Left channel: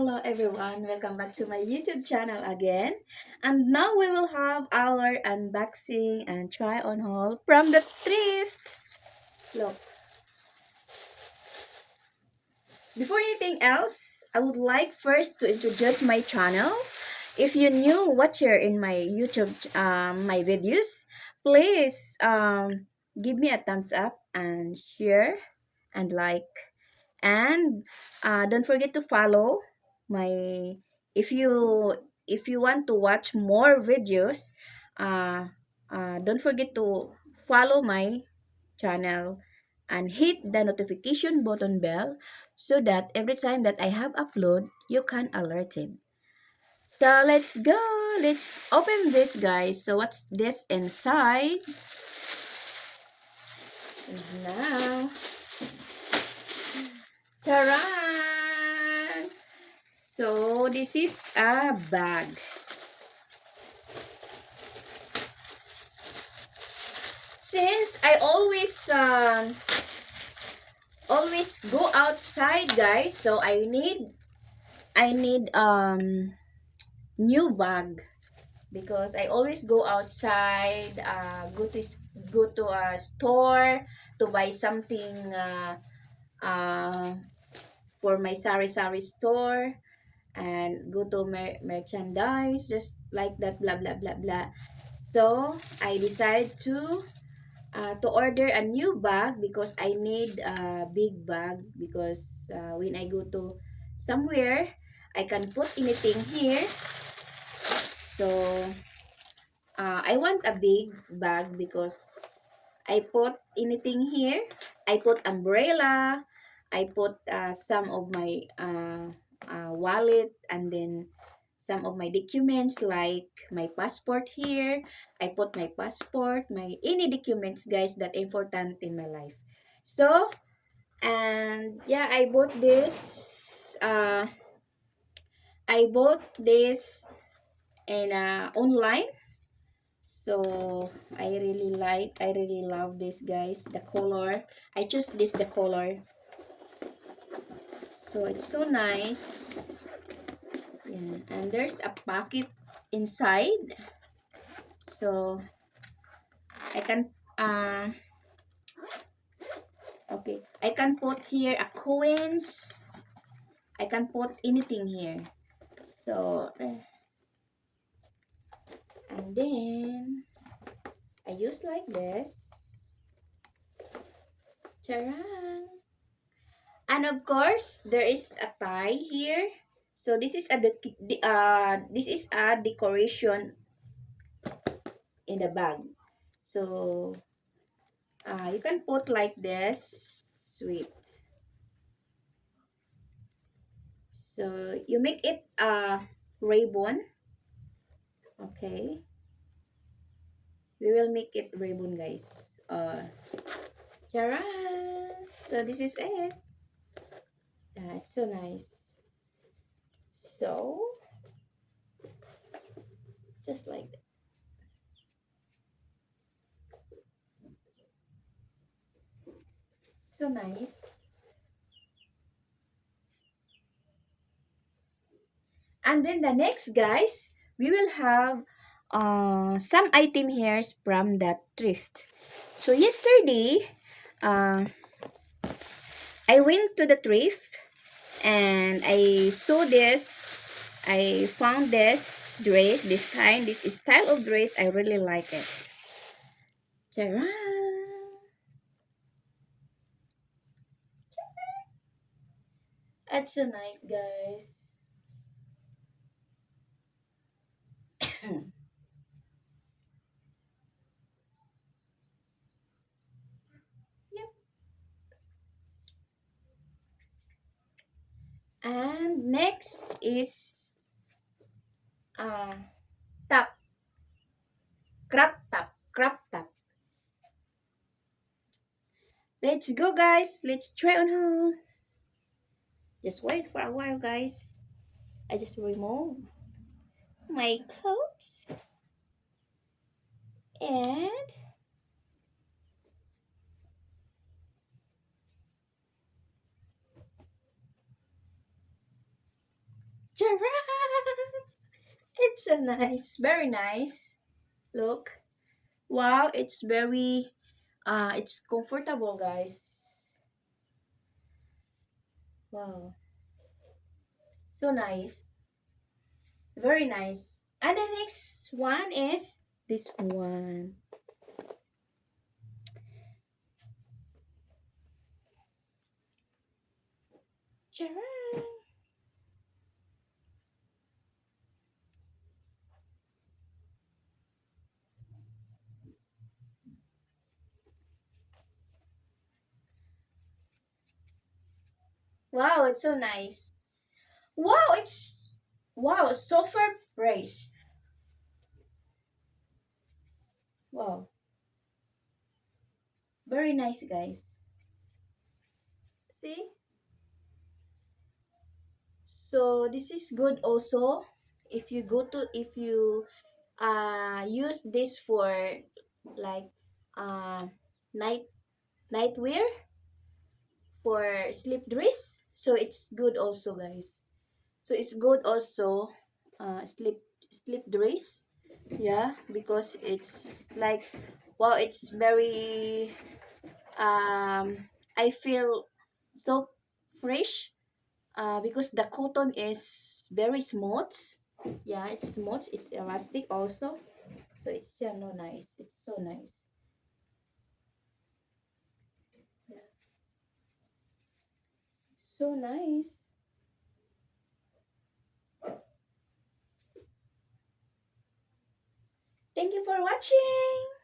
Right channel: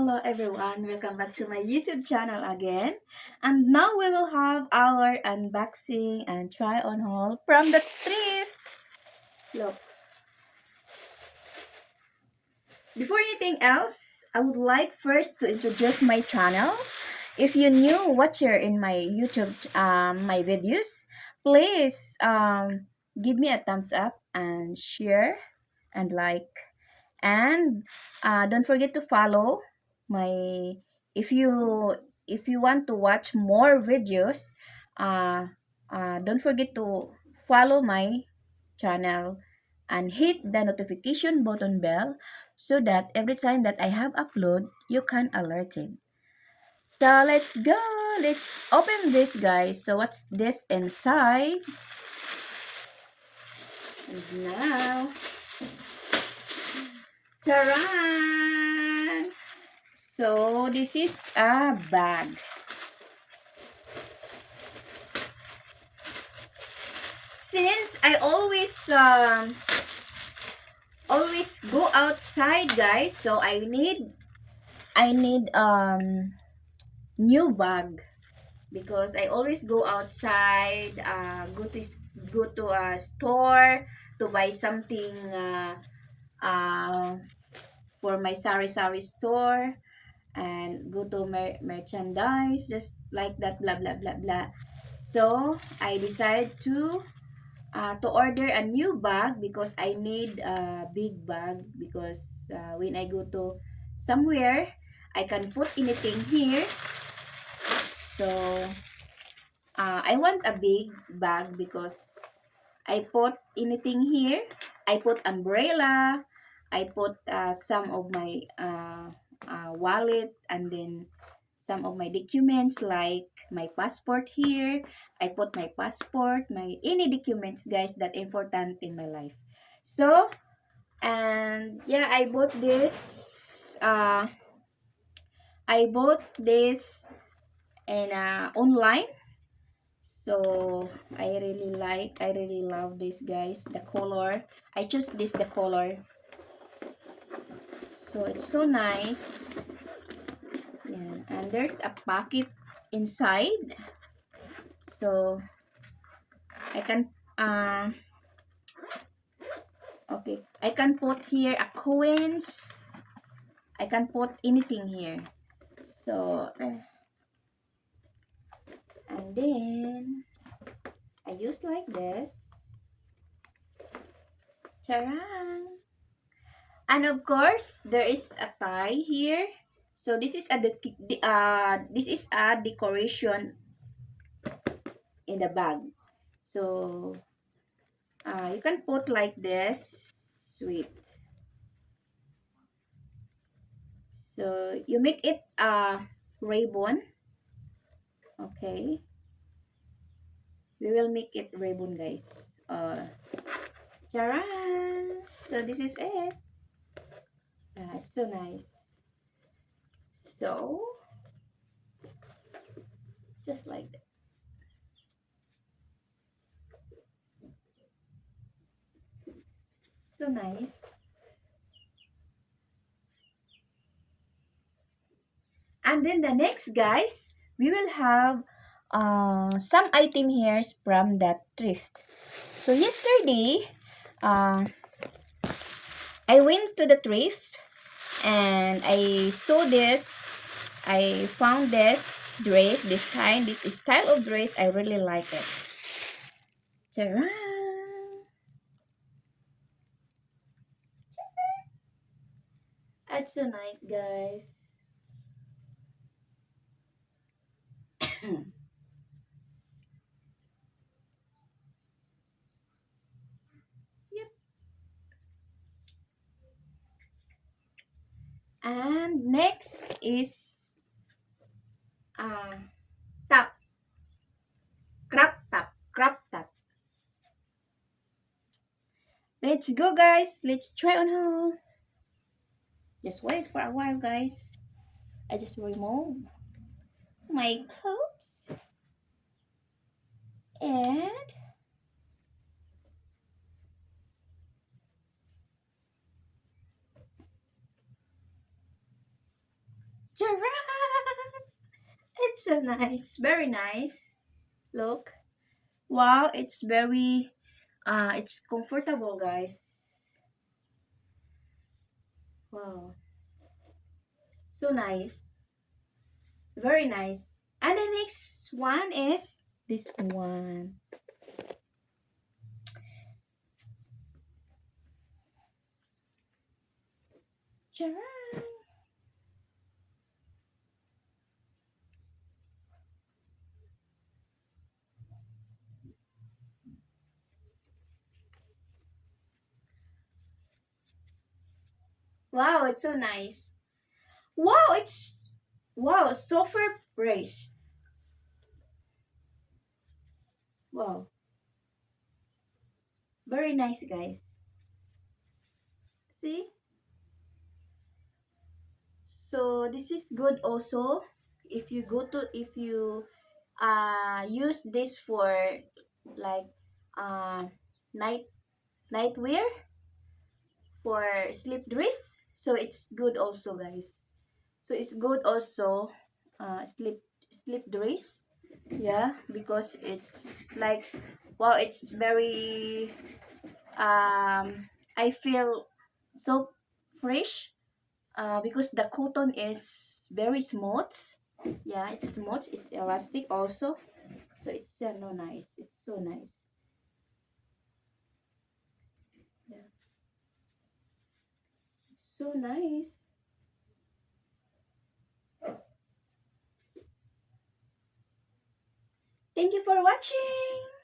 hello everyone. Welcome back to my YouTube channel again. And now we will have our unboxing and try on haul from the thrift. Look. Before anything else, I would like first to introduce my channel. If you new watcher in my YouTube my videos, please give me a thumbs up and share and like. And don't forget to follow my if you want to watch more videos, uh, don't forget to follow my channel and hit the notification button bell so that every time that I have upload you can alerted. So let's go, let's open this, guys. So what's this inside now? Taran! So this is a bag. Since I always go outside, guys, so I need new bag because I always go outside, go to a store to buy something uh, for my sari-sari store and go to merchandise, just like that, blah blah blah blah. So I decided to order a new bag because I need a big bag because when I go to somewhere I can put anything here. So I want a big bag because I put anything here. I put umbrella, I put some of my wallet, and then some of my documents like my passport here. I put my passport, my any documents, guys, that important in my life. So, and yeah, I bought this in online. So I really love this, guys, the color. I choose this the color, so it's so nice. Yeah. And there's a pocket inside, so I can okay, I can put here a coins. I can put anything here. So and then I use like this. Charan! And of course, there is a tie here. So this is a decoration in the bag. So you can put like this. Sweet. So you make it a ribbon. Okay. We will make it ribbon, guys. Charan! So this is it. It's so nice. So just like that. So nice. And then the next, guys, we will have some item here from the thrift. So yesterday, uh, I went to the thrift and I saw this. I found this dress, this kind, this style of dress. I really like it. Ta-da! It's so nice, guys. Yep. And next is uh, top, crop top. Let's go, guys. Let's try on haul. Just wait for a while, guys. I just remove my clothes and Charan! It's so nice. Very nice. Look. Wow, it's very it's comfortable, guys. Wow. So nice. Very nice. And the next one is this one. Charan! Wow, it's so nice. Wow, it's wow, super fresh. Wow, very nice, guys. See? So this is good also if you use this for like uh night night wear for sleep dress. So it's good also, guys. So it's good also sleep dress. Yeah, because it's like wow, it's very I feel so fresh because the cotton is very smooth. Yeah, it's smooth. It's elastic also. So it's no nice. It's so nice. Yeah, so nice. Thank you for watching.